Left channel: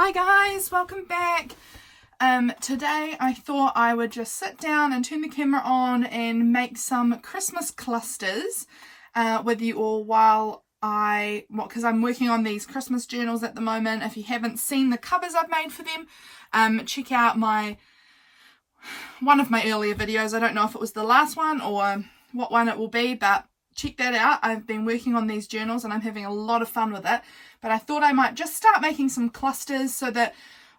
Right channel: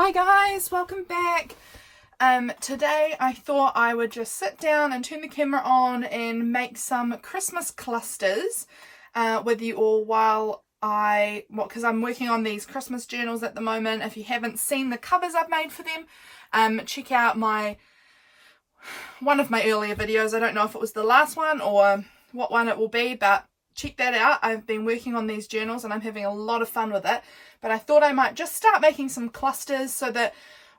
Hi guys, welcome back. Today I thought I would just sit down and turn the camera on and make some Christmas clusters with you all while because I'm working on these Christmas journals at the moment. If you haven't seen the covers I've made for them, check out one of my earlier videos. I don't know if it was the last one or what one it will be, but check that out. I've been working on these journals and I'm having a lot of fun with it. But I thought I might just start making some clusters so that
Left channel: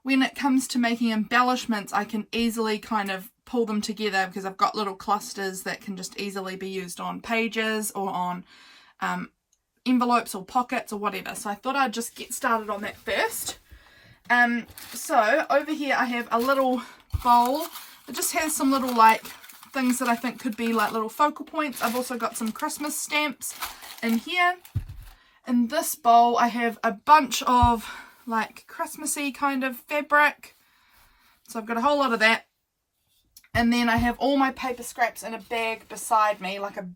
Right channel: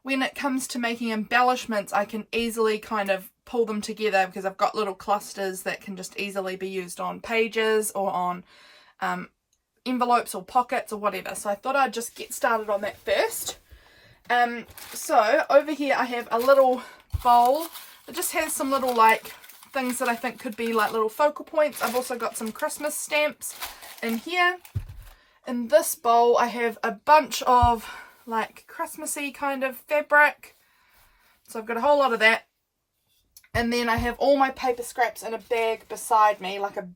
when it comes to making embellishments, I can easily kind of pull them together because I've got little clusters that can just easily be used on pages or on envelopes or pockets or whatever. So I thought I'd just get started on that first. So over here I have a little bowl that just has some little things that I think could be like little focal points. I've also got some Christmas stamps in here. In this bowl I have a bunch of Christmassy kind of fabric. So I've got a whole lot of that. And then I have all my paper scraps in a bag beside me, like a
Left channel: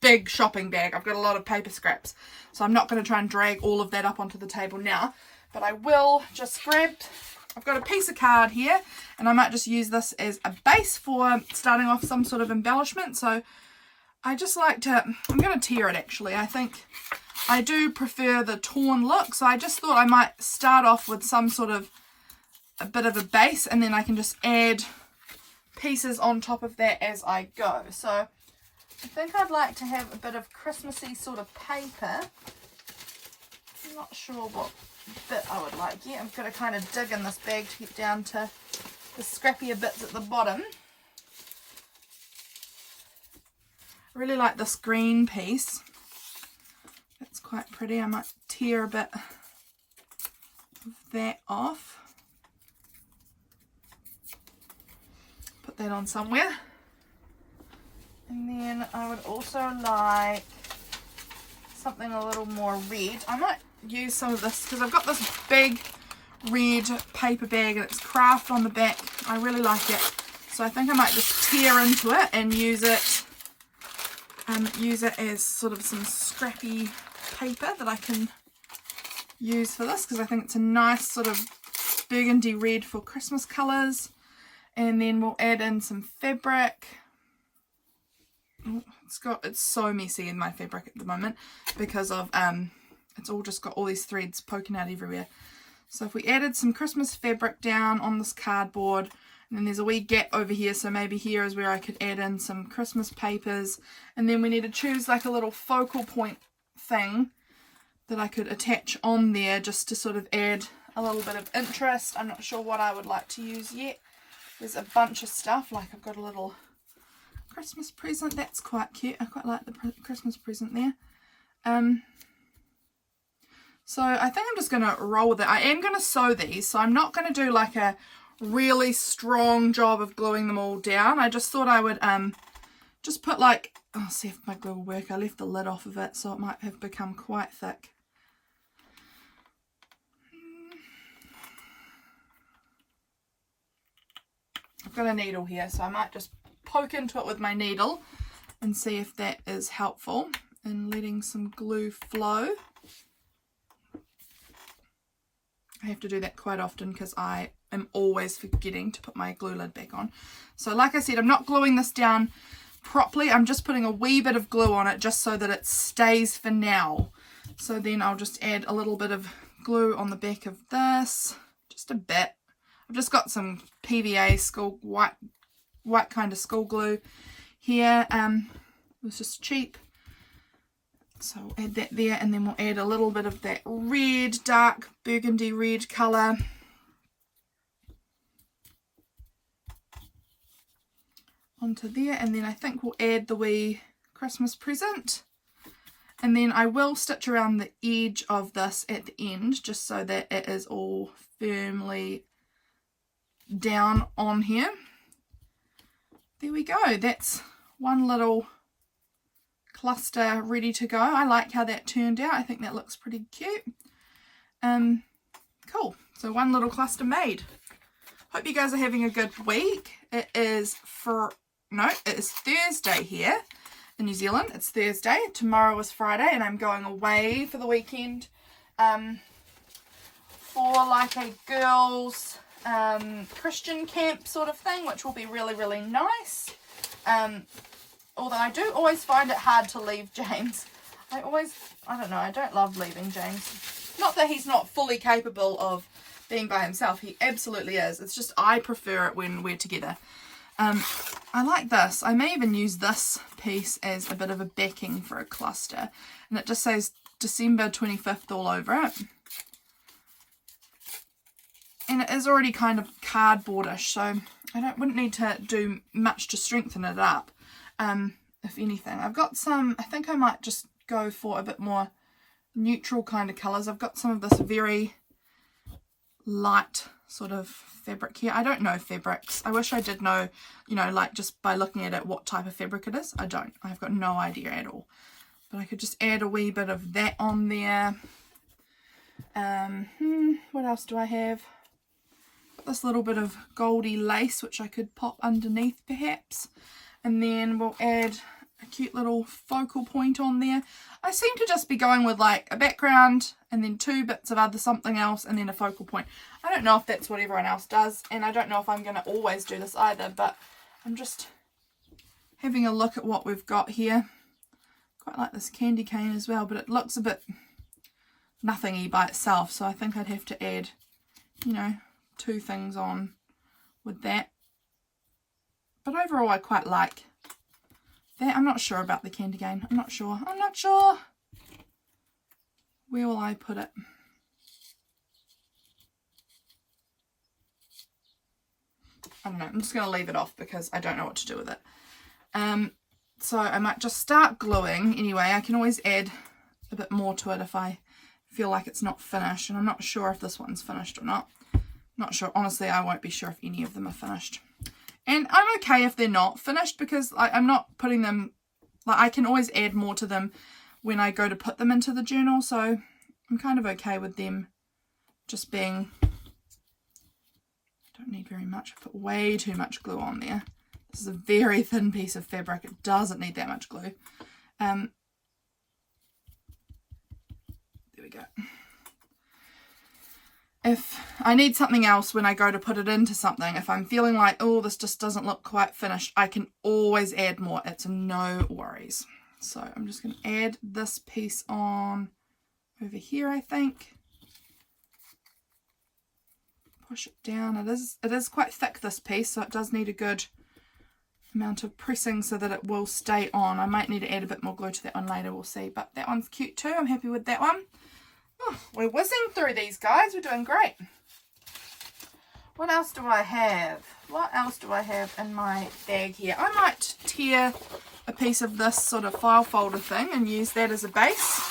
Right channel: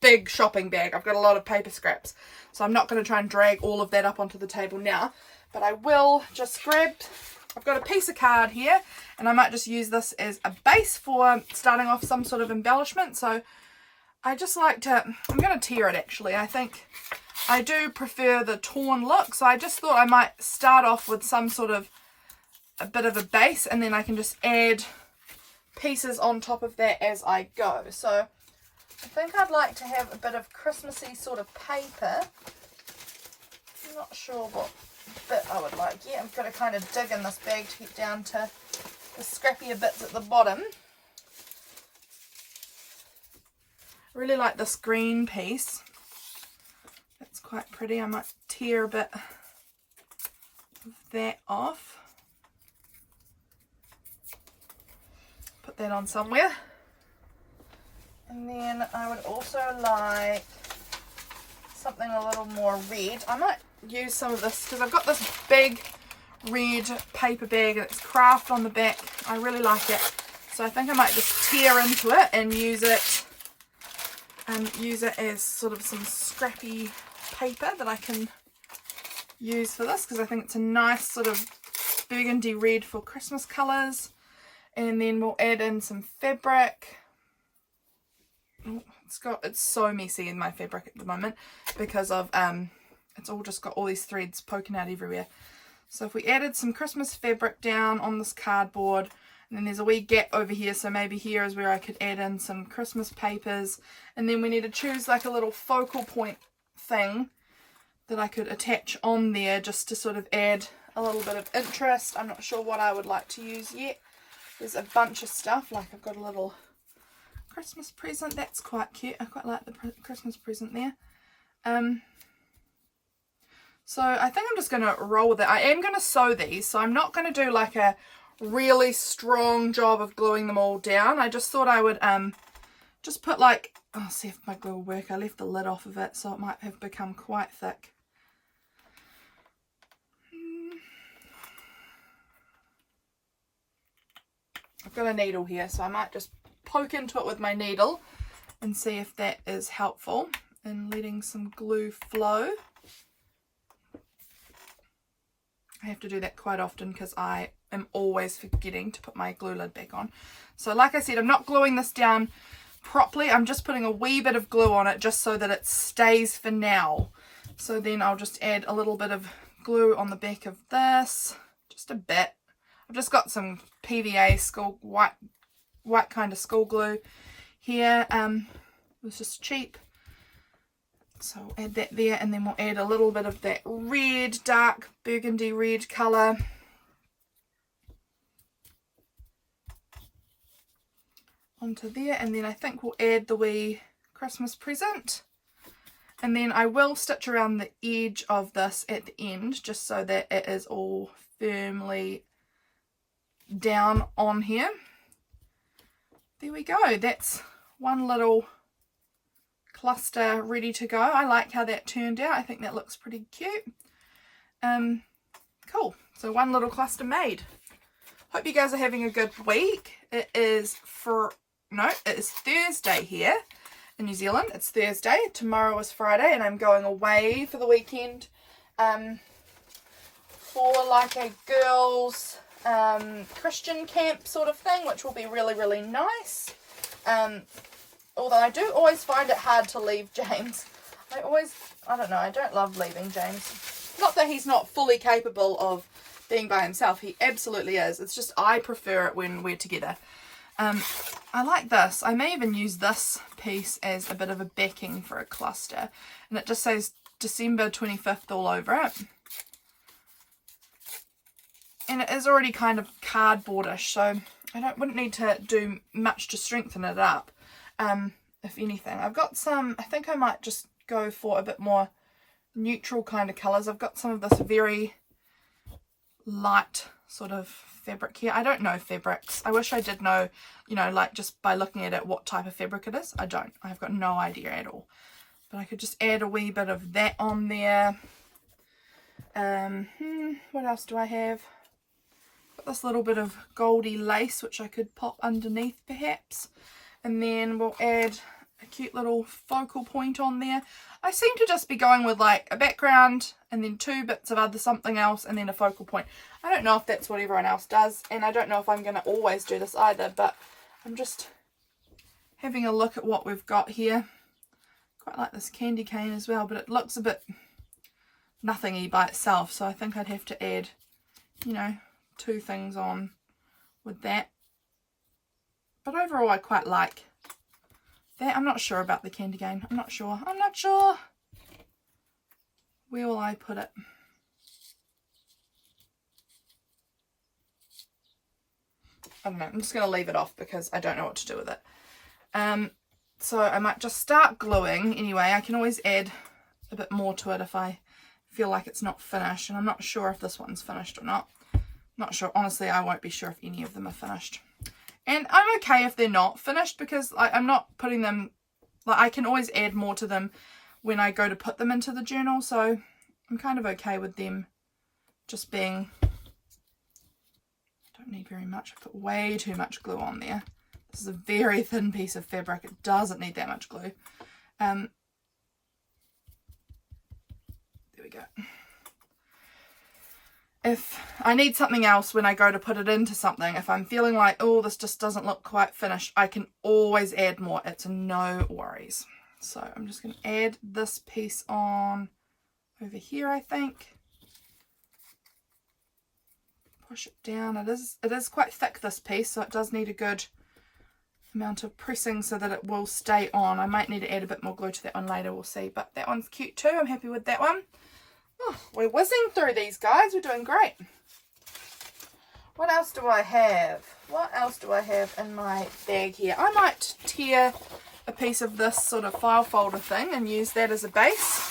big shopping bag. I've got a lot of paper scraps. So I'm not going to try and drag all of that up onto the table now. But I will just I've got a piece of card here, and I might just use this as a base for starting off some sort of embellishment. So I just I'm going to tear it actually. I think I do prefer the torn look, so I just thought I might start off with some sort of a bit of a base, and then I can just add pieces on top of that as I go. So I think I'd like to have a bit of Christmassy sort of paper. I'm not sure what bit I would like yet. I've got to kind of dig in this bag to get down to the scrappier bits at the bottom. I really like this green piece. That's quite pretty. I might tear a bit of that off. Put that on somewhere. And then I would also like something a little more red. I might use some of this because I've got this big red paper bag and it's craft on the back. I really like it. So I think I might just tear into it and use it as sort of some scrappy paper that I can use for this, because I think it's a nice sort of burgundy red for Christmas colours. And then we'll add in some fabric. Oh, it's so messy in my fabric at the moment because of it's all just got all these threads poking out everywhere. So if we added some Christmas fabric down on this cardboard, and then there's a wee gap over here, so maybe here is where I could add in some Christmas papers, and then we need to choose like a little focal point thing that I could attach on there just to sort of add a little bit of interest. I'm not sure what I would like to use yet. There's a bunch of stuff, like I've got a little Christmas present. That's quite cute. I quite like the Christmas present there. So I think I'm just going to roll with it. I am going to sew these, so I'm not going to do like a really strong job of gluing them all down. I just thought I would just put I'll see if my glue will work. I left the lid off of it, so it might have become quite thick. I've got a needle here, so I might just poke into it with my needle and see if that is helpful in letting some glue flow. I have to do that quite often because I am always forgetting to put my glue lid back on. So like I said, I'm not gluing this down properly. I'm just putting a wee bit of glue on it just so that it stays for now. So then I'll just add a little bit of glue on the back of this, just a bit. I've just got some PVA school white kind of school glue here. It was just cheap. So I'll add that there, and then we'll add a little bit of that red, dark burgundy red colour. Onto there, and then I think we'll add the wee Christmas present. And then I will stitch around the edge of this at the end, just so that it is all firmly down on here. There we go. That's one little cluster ready to go. I like how that turned out. I think that looks pretty cute. Cool. So one little cluster made. Hope you guys are having a good week. It is Thursday here in New Zealand. It's Thursday. Tomorrow is Friday, and I'm going away for the weekend for like a girls Christian camp sort of thing, which will be really, really nice. Although I do always find it hard to leave James. I don't know, I don't love leaving James. Not that he's not fully capable of being by himself. He absolutely is. It's just I prefer it when we're together. I like this. I may even use this piece as a bit of a backing for a cluster. And it just says December 25th all over it. And it is already kind of cardboardish, so I wouldn't need to do much to strengthen it up. If anything, I've got some, I think I might just go for a bit more neutral kind of colours. I've got some of this very light sort of fabric here. I don't know fabrics. I wish I did know, you know, like just by looking at it what type of fabric it is. I don't. I've got no idea at all. But I could just add a wee bit of that on there. What else do I have? Got this little bit of goldy lace which I could pop underneath perhaps. And then we'll add a cute little focal point on there. I seem to just be going with like a background and then 2 bits of other something else and then a focal point. I don't know if that's what everyone else does, and I don't know if I'm going to always do this either, but I'm just having a look at what we've got here. Quite like this candy cane as well, but it looks a bit nothingy by itself, so I think I'd have to add, you know, 2 things on with that. But overall I quite like that. I'm not sure about the candy cane. I'm not sure. Where will I put it? I don't know. I'm just going to leave it off because I don't know what to do with it. So I might just start gluing anyway. I can always add a bit more to it if I feel like it's not finished. And I'm not sure if this one's finished or not. Not sure. Honestly, I won't be sure if any of them are finished. And I'm okay if they're not finished because I'm not putting them, like I can always add more to them when I go to put them into the journal. So I'm kind of okay with them just being, I don't need very much. I put way too much glue on there. This is a very thin piece of fabric. It doesn't need that much glue. There we go. If I need something else when I go to put it into something, if I'm feeling like, oh, this just doesn't look quite finished, I can always add more. It's no worries. So I'm just going to add this piece on over here, I think. Push it down. It is quite thick, this piece, so it does need a good amount of pressing so that it will stay on. I might need to add a bit more glue to that one later, we'll see. But that one's cute too. I'm happy with that one. Oh, we're whizzing through these, guys. We're doing great. What else do I have? What else do I have in my bag here? I might tear a piece of this sort of file folder thing and use that as a base.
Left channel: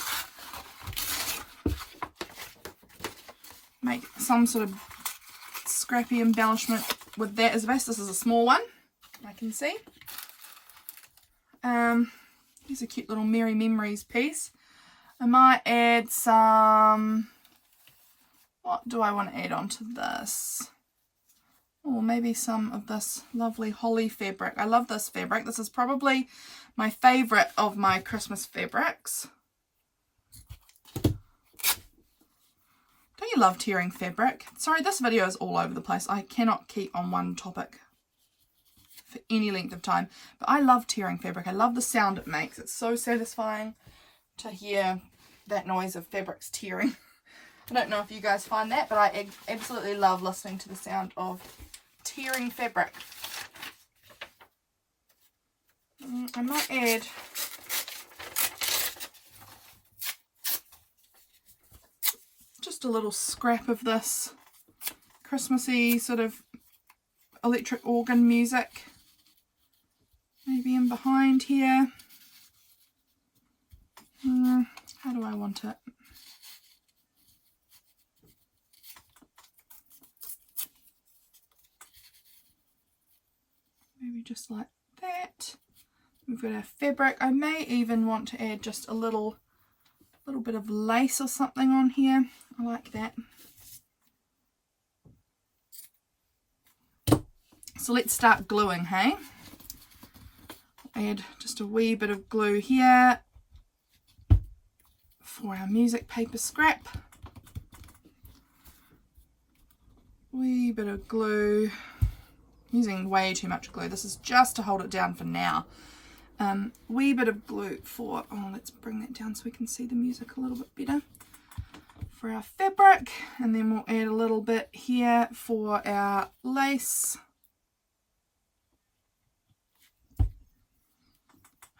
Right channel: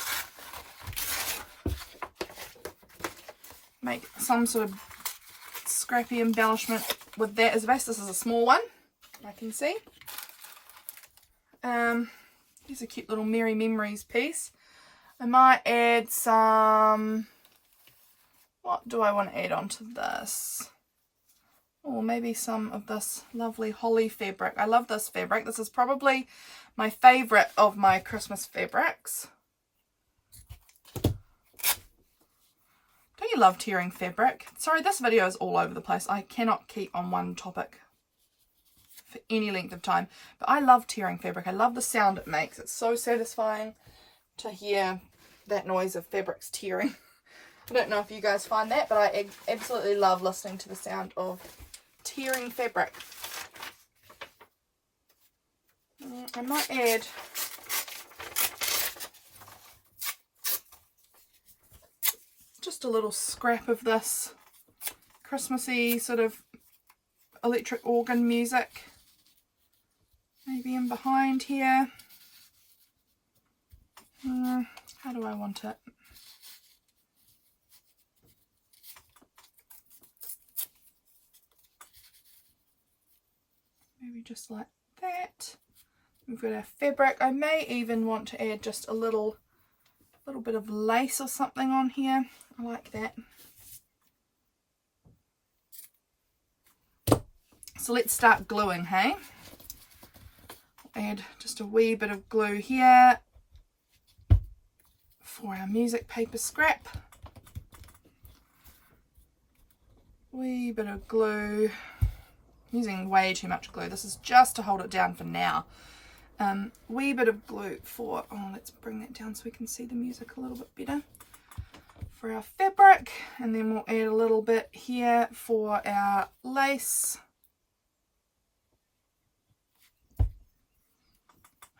Make some sort of scrappy embellishment with that as a base. This is a small one, I can see. Here's a cute little Merry Memories piece. I might add some, what do I want to add onto this? Or maybe some of this lovely holly fabric. I love this fabric. This is probably my favourite of my Christmas fabrics. Don't you love tearing fabric? Sorry, this video is all over the place. I cannot keep on one topic for any length of time. But I love tearing fabric. I love the sound it makes. It's so satisfying to hear that noise of fabrics tearing. I don't know if you guys find that, but I absolutely love listening to the sound of tearing fabric. I might add just a little scrap of this Christmassy sort of electric organ music, maybe in behind here. How do I want it? Maybe just like that. We've got our fabric. I may even want to add just a little bit of lace or something on here. I like that. So let's start gluing, hey? Add just a wee bit of glue here for our music paper scrap. wee bit of glue. I'm using way too much glue. This is just to hold it down for now. Wee bit of glue for, oh, let's bring that down so we can see the music a little bit better. For our fabric, and then we'll add a little bit here for our lace.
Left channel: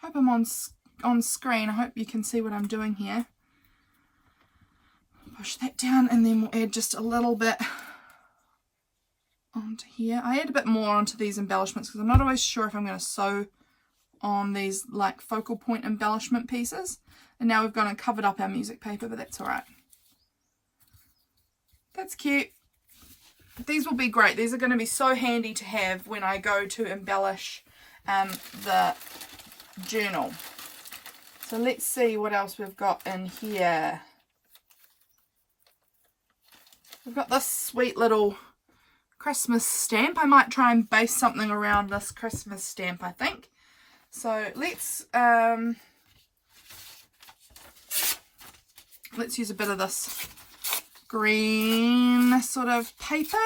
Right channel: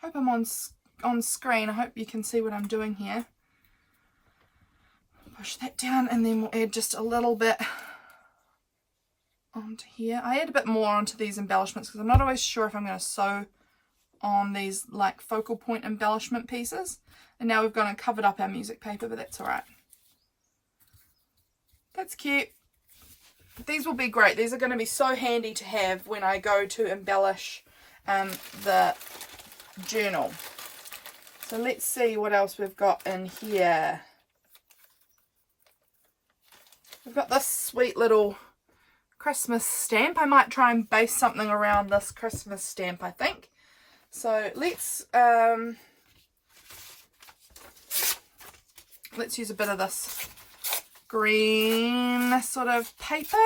Hope I'm on screen. I hope you can see what I'm doing here. Push that down, and then we'll add just a little bit onto here. I add a bit more onto these embellishments because I'm not always sure if I'm going to sew on these like focal point embellishment pieces. And now we've gone and covered up our music paper, but that's all right. That's cute. These will be great. These are going to be so handy to have when I go to embellish the journal. So let's see what else we've got in here. We've got this sweet little Christmas stamp. I might try and base something around this Christmas stamp, I think. So let's use a bit of this green sort of paper.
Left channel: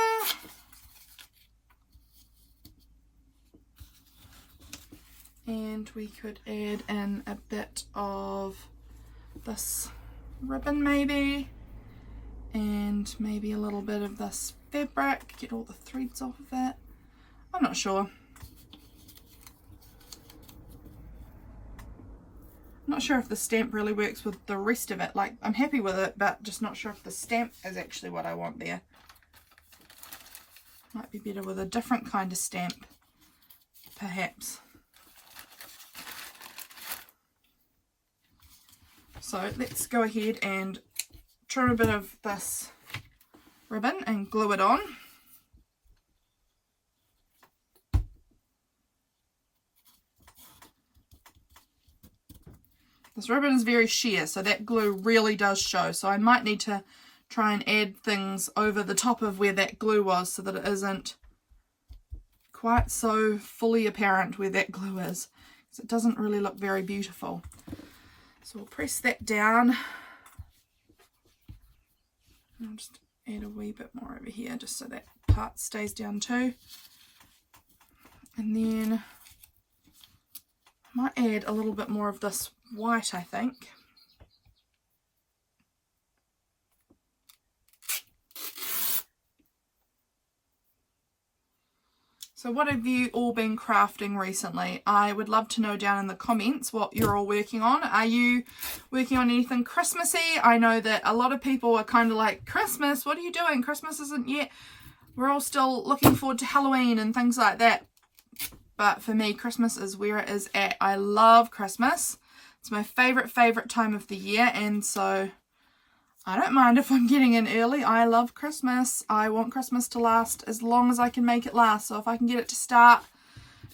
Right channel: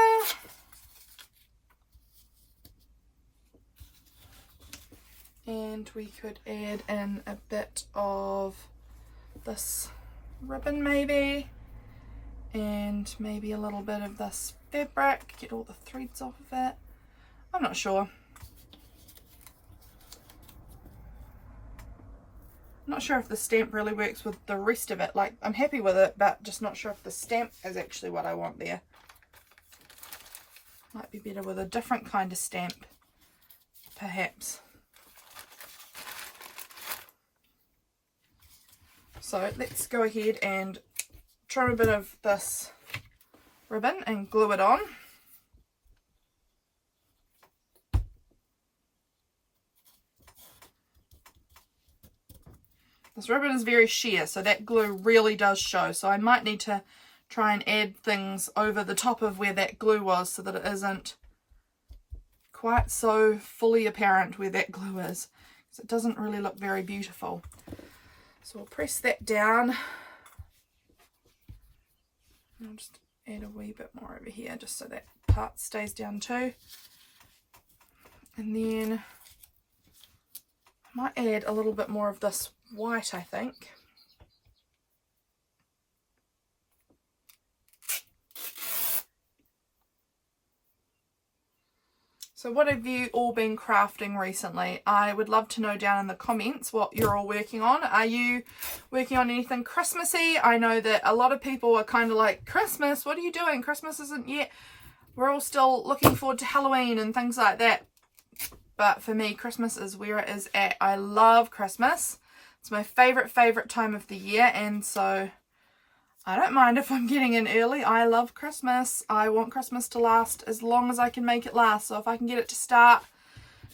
And we could add in a bit of this ribbon maybe. And maybe a little bit of this fabric. Get all the threads off of it. I'm not sure. I'm not sure if the stamp really works with the rest of it. Like, I'm happy with it, but just not sure if the stamp is actually what I want there. Might be better with a different kind of stamp, perhaps. So let's go ahead and trim a bit of this ribbon and glue it on. This ribbon is very sheer, so that glue really does show. So I might need to try and add things over the top of where that glue was so that it isn't quite so fully apparent where that glue is, because it doesn't really look very beautiful. So we'll press that down. I'll just add a wee bit more over here just so that part stays down too. And then I might add a little bit more of this white, I think. So what have you all been crafting recently? I would love to know down in the comments what you're all working on. Are you working on anything Christmassy? I know that a lot of people are kind of like, Christmas, what are you doing? Christmas isn't yet. We're all still looking forward to Halloween and things like that. But for me, Christmas is where it is at. I love Christmas. It's my favorite time of the year, and so I don't mind if I'm getting in early. I love Christmas. I want Christmas to last as long as I can make it last. So if I can get it to start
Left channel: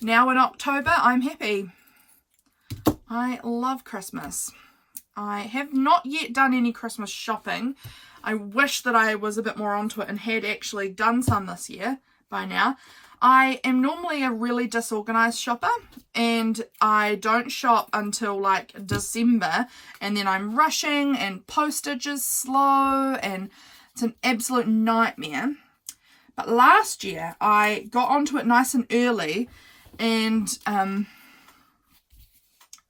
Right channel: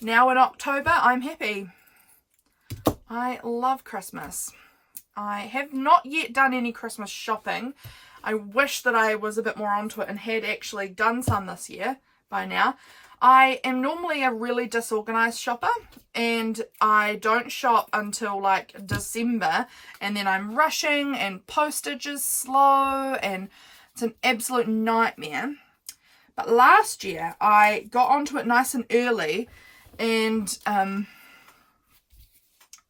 now in October, I'm happy. I love Christmas. I have not yet done any Christmas shopping. I wish that I was a bit more onto it and had actually done some this year by now. I am normally a really disorganized shopper, and I don't shop until like December, and then I'm rushing and postage is slow and it's an absolute nightmare. But last year I got onto it nice and early and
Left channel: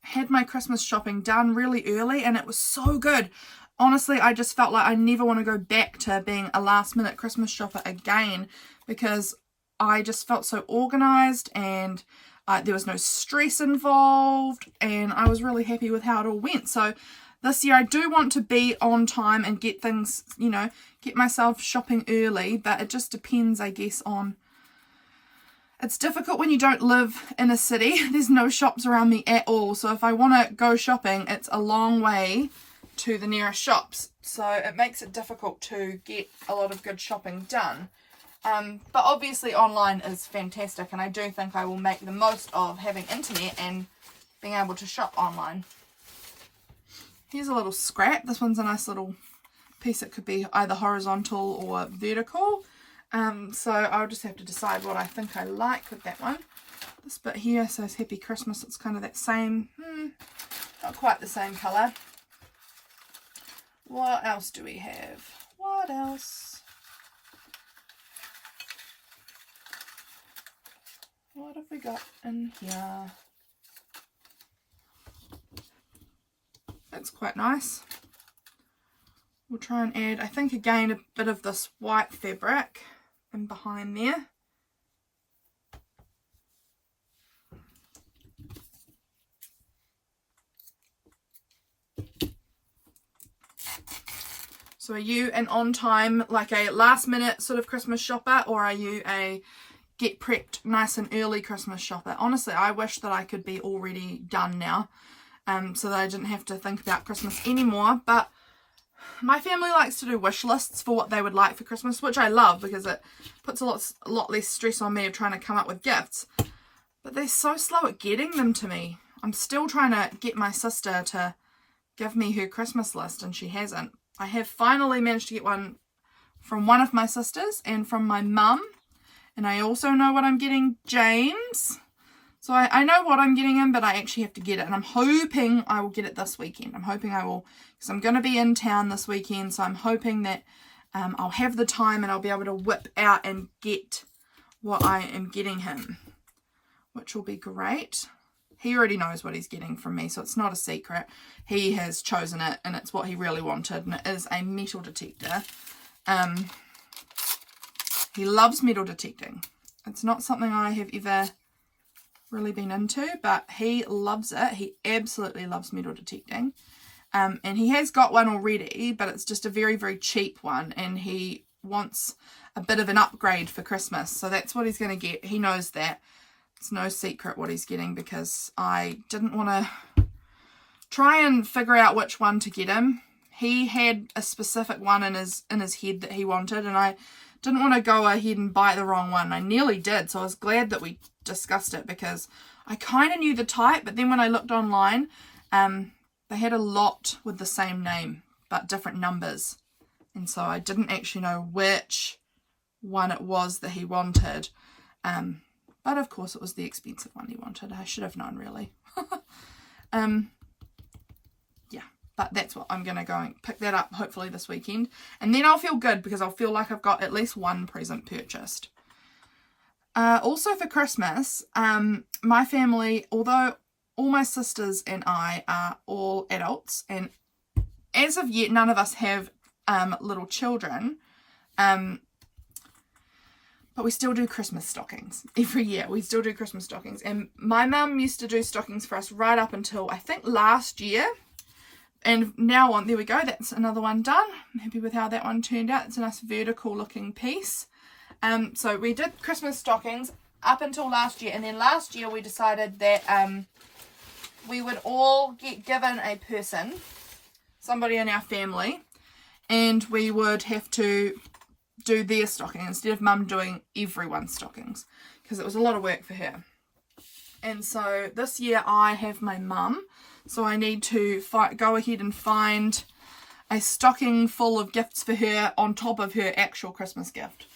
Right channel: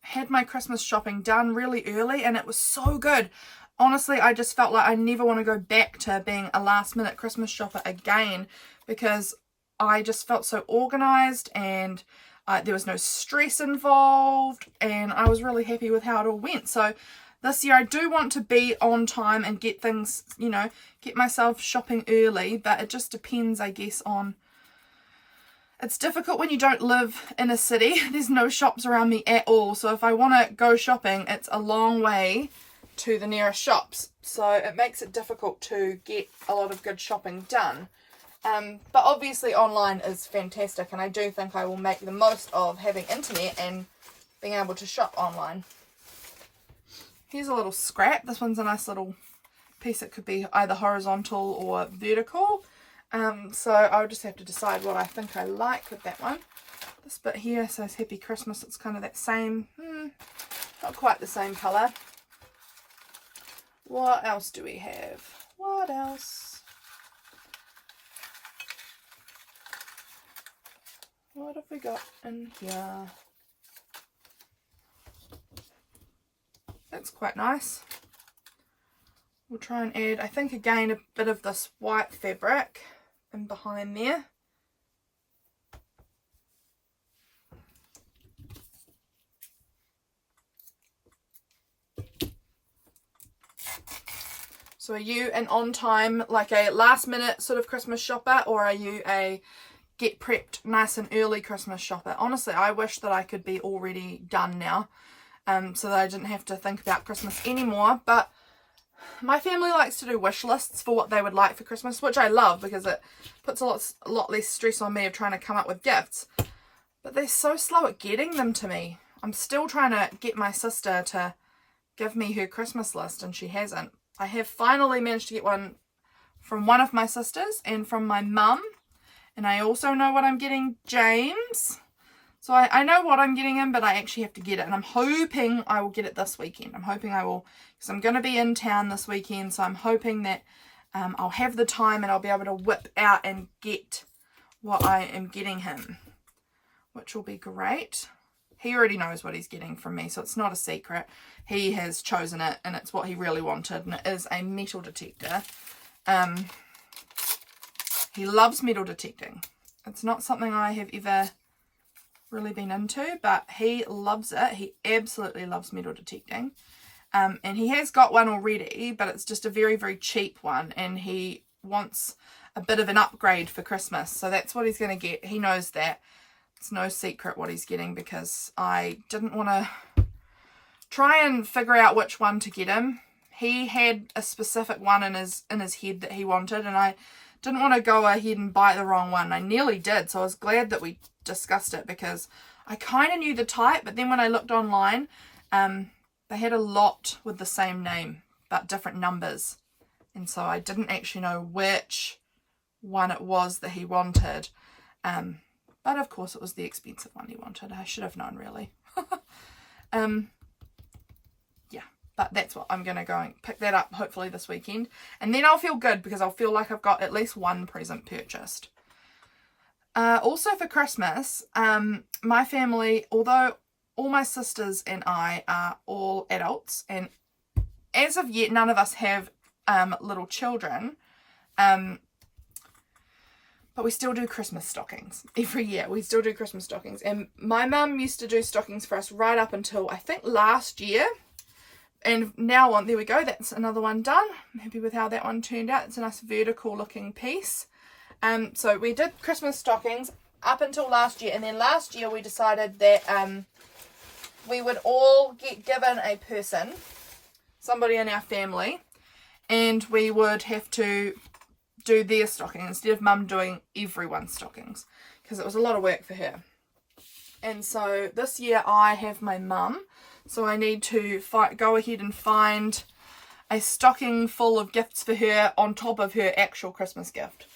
had my Christmas shopping done really early, and it was so good. Honestly, I just felt like I never want to go back to being a last minute Christmas shopper again, because I just felt so organized, and there was no stress involved, and I was really happy with how it all went. So this year I do want to be on time and get things, you know, get myself shopping early, but it just depends, I guess, on... It's difficult when you don't live in a city. There's no shops around me at all, so if I want to go shopping, it's a long way to the nearest shops. So it makes it difficult to get a lot of good shopping done. But obviously online is fantastic, and I do think I will make the most of having internet and being able to shop online. Here's a little scrap. This one's a nice little piece. It could be either horizontal or vertical. So I'll just have to decide what I think I like with that one. This bit here says Happy Christmas. It's kind of that same, not quite the same colour. What else do we have? What else? What have we got in here? That's quite nice. We'll try and add, I think again, a bit of this white fabric in behind there. So are you an on time, like a last minute sort of Christmas shopper, or are you a get prepped nice and early Christmas shopper? Honestly, I wish that I could be already done now, so that I didn't have to think about Christmas anymore. But my family likes to do wish lists for what they would like for Christmas, which I love because it puts a lot less stress on me of trying to come up with gifts. But they're so slow at getting them to me. I'm still trying to get my sister to give me her Christmas list, and she hasn't. I have finally managed to get one from one of my sisters and from my mum. And I also know what I'm getting James. So I know what I'm getting him, but I actually have to get it. And I'm hoping I will get it this weekend. I'm hoping I will, because I'm going to be in town this weekend. So I'm hoping that I'll have the time and I'll be able to whip out and get what I am getting him, which will be great. He already knows what he's getting from me, so it's not a secret. He has chosen it, and it's what he really wanted, and it is a metal detector. He loves metal detecting. It's not something I have ever really been into, but he loves it. He absolutely loves metal detecting. And he has got one already, but it's just a very, very cheap one, and he wants a bit of an upgrade for Christmas, so that's what he's going to get. He knows that. It's no secret what he's getting, because I didn't want to try and figure out which one to get him. He had a specific one in his head that he wanted, and I didn't want to go ahead and buy the wrong one. I nearly did, so I was glad that we discussed it, because I kind of knew the type, but then when I looked online, they had a lot with the same name but different numbers, and so I didn't actually know which one it was that he wanted. But of course it was the expensive one he wanted. I should have known, really. Yeah, but that's what I'm going to go and pick that up hopefully this weekend. And then I'll feel good, because I'll feel like I've got at least one present purchased. Also for Christmas, my family, although all my sisters and I are all adults, and as of yet none of us have little children, but we still do Christmas stockings every year. We still do Christmas stockings. And my mum used to do stockings for us right up until, I think, last year. And now on, there we go. That's another one done. I'm happy with how that one turned out. It's a nice vertical looking piece. So we did Christmas stockings up until last year. And then last year we decided that we would all get given a person, somebody in our family, and we would have to do their stocking instead of mum doing everyone's stockings, because it was a lot of work for her. And so this year I have my mum, so I need to go ahead and find a stocking full of gifts for her on top of her actual Christmas gift.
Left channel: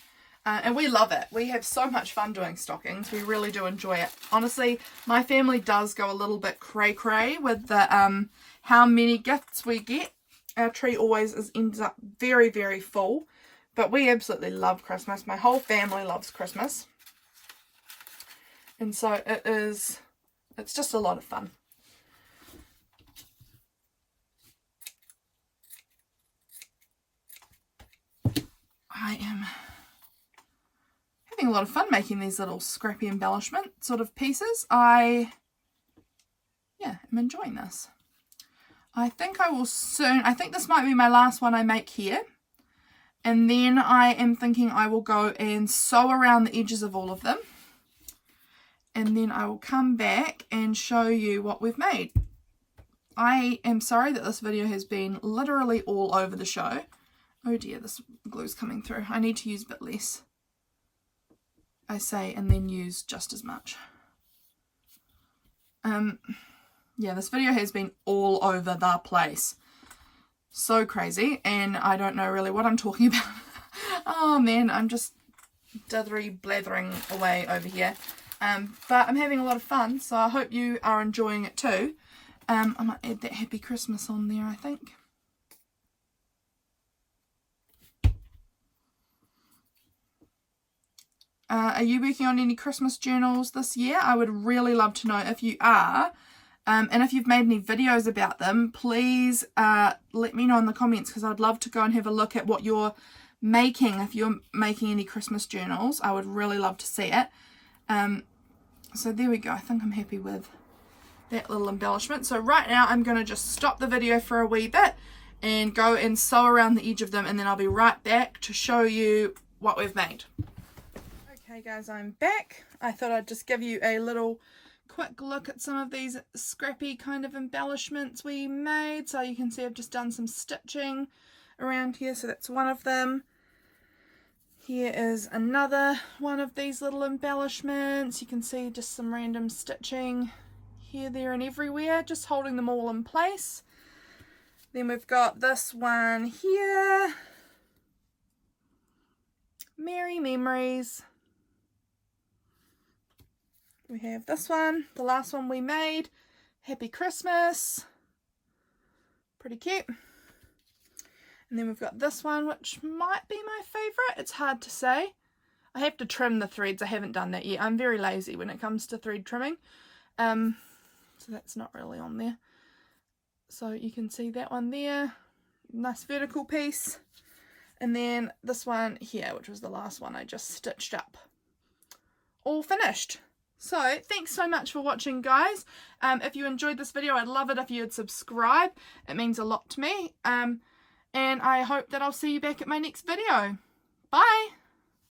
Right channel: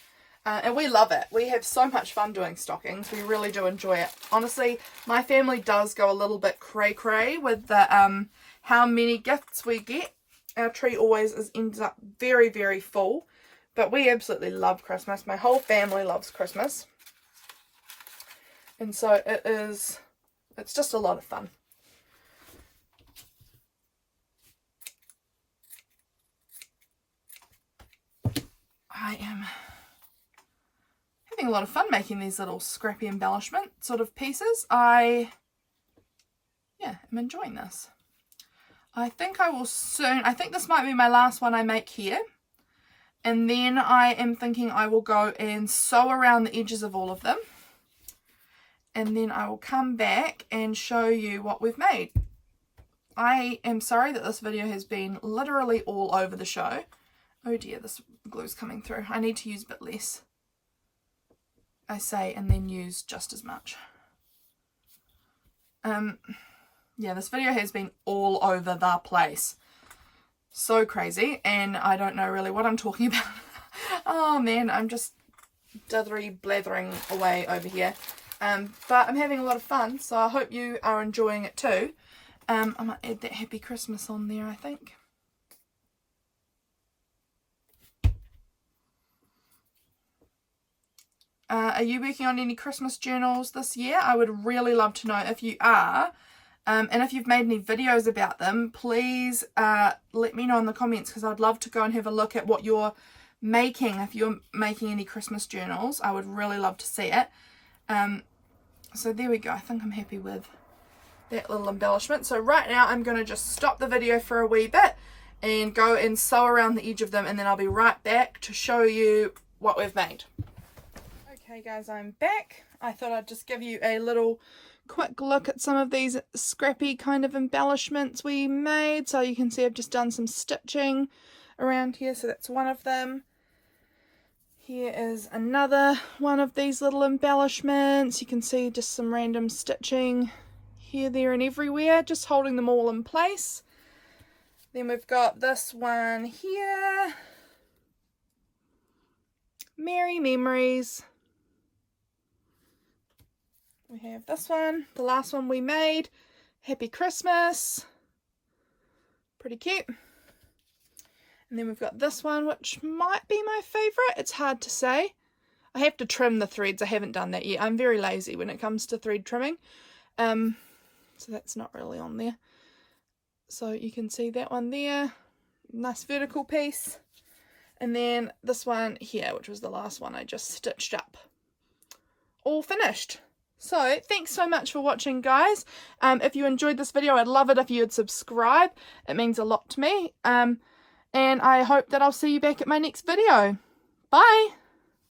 And we love it. We have so much fun doing stockings. We really do enjoy it. Honestly, my family does go a little bit cray-cray with the how many gifts we get. Our tree always ends up very, very full. But we absolutely love Christmas. My whole family loves Christmas. And so it's just a lot of fun. I am having a lot of fun making these little scrappy embellishment sort of pieces. I'm enjoying this. I think this might be my last one I make here. And then I am thinking I will go and sew around the edges of all of them. And then I will come back and show you what we've made. I am sorry that this video has been literally all over the show. Oh dear, this glue's coming through. I need to use a bit less, I say, and then use just as much. Yeah, this video has been all over the place. So crazy, and I don't know really what I'm talking about. Oh man, I'm just blathering away over here. But I'm having a lot of fun, so I hope you are enjoying it too. I might add that Happy Christmas on there, I think. Are you working on any Christmas journals this year? I would really love to know if you are. And if you've made any videos about them, please let me know in the comments, because I'd love to go and have a look at what you're making. If you're making any Christmas journals, I would really love to see it. So there we go. I think I'm happy with that little embellishment. So right now I'm going to just stop the video for a wee bit and go and sew around the edge of them, and then I'll be right back to show you what we've made. Okay guys, I'm back. I thought I'd just give you a little quick look at some of these scrappy kind of embellishments we made. So you can see I've just done some stitching around here, so that's one of them. Here is another one of these little embellishments. You can see just some random stitching here, there and everywhere, just holding them all in place. Then we've got this one here, Merry Memories. We have this one, the last one we made, Happy Christmas, pretty cute. And then we've got this one, which might be my favourite. It's hard to say. I have to trim the threads. I haven't done that yet. I'm very lazy when it comes to thread trimming. So that's not really on there. So you can see that one there. Nice vertical piece. And then this one here, which was the last one I just stitched up. All finished. So thanks so much for watching, guys. If you enjoyed this video, I'd love it if you would subscribe. It means a lot to me. And I hope that I'll see you back at my next video. Bye!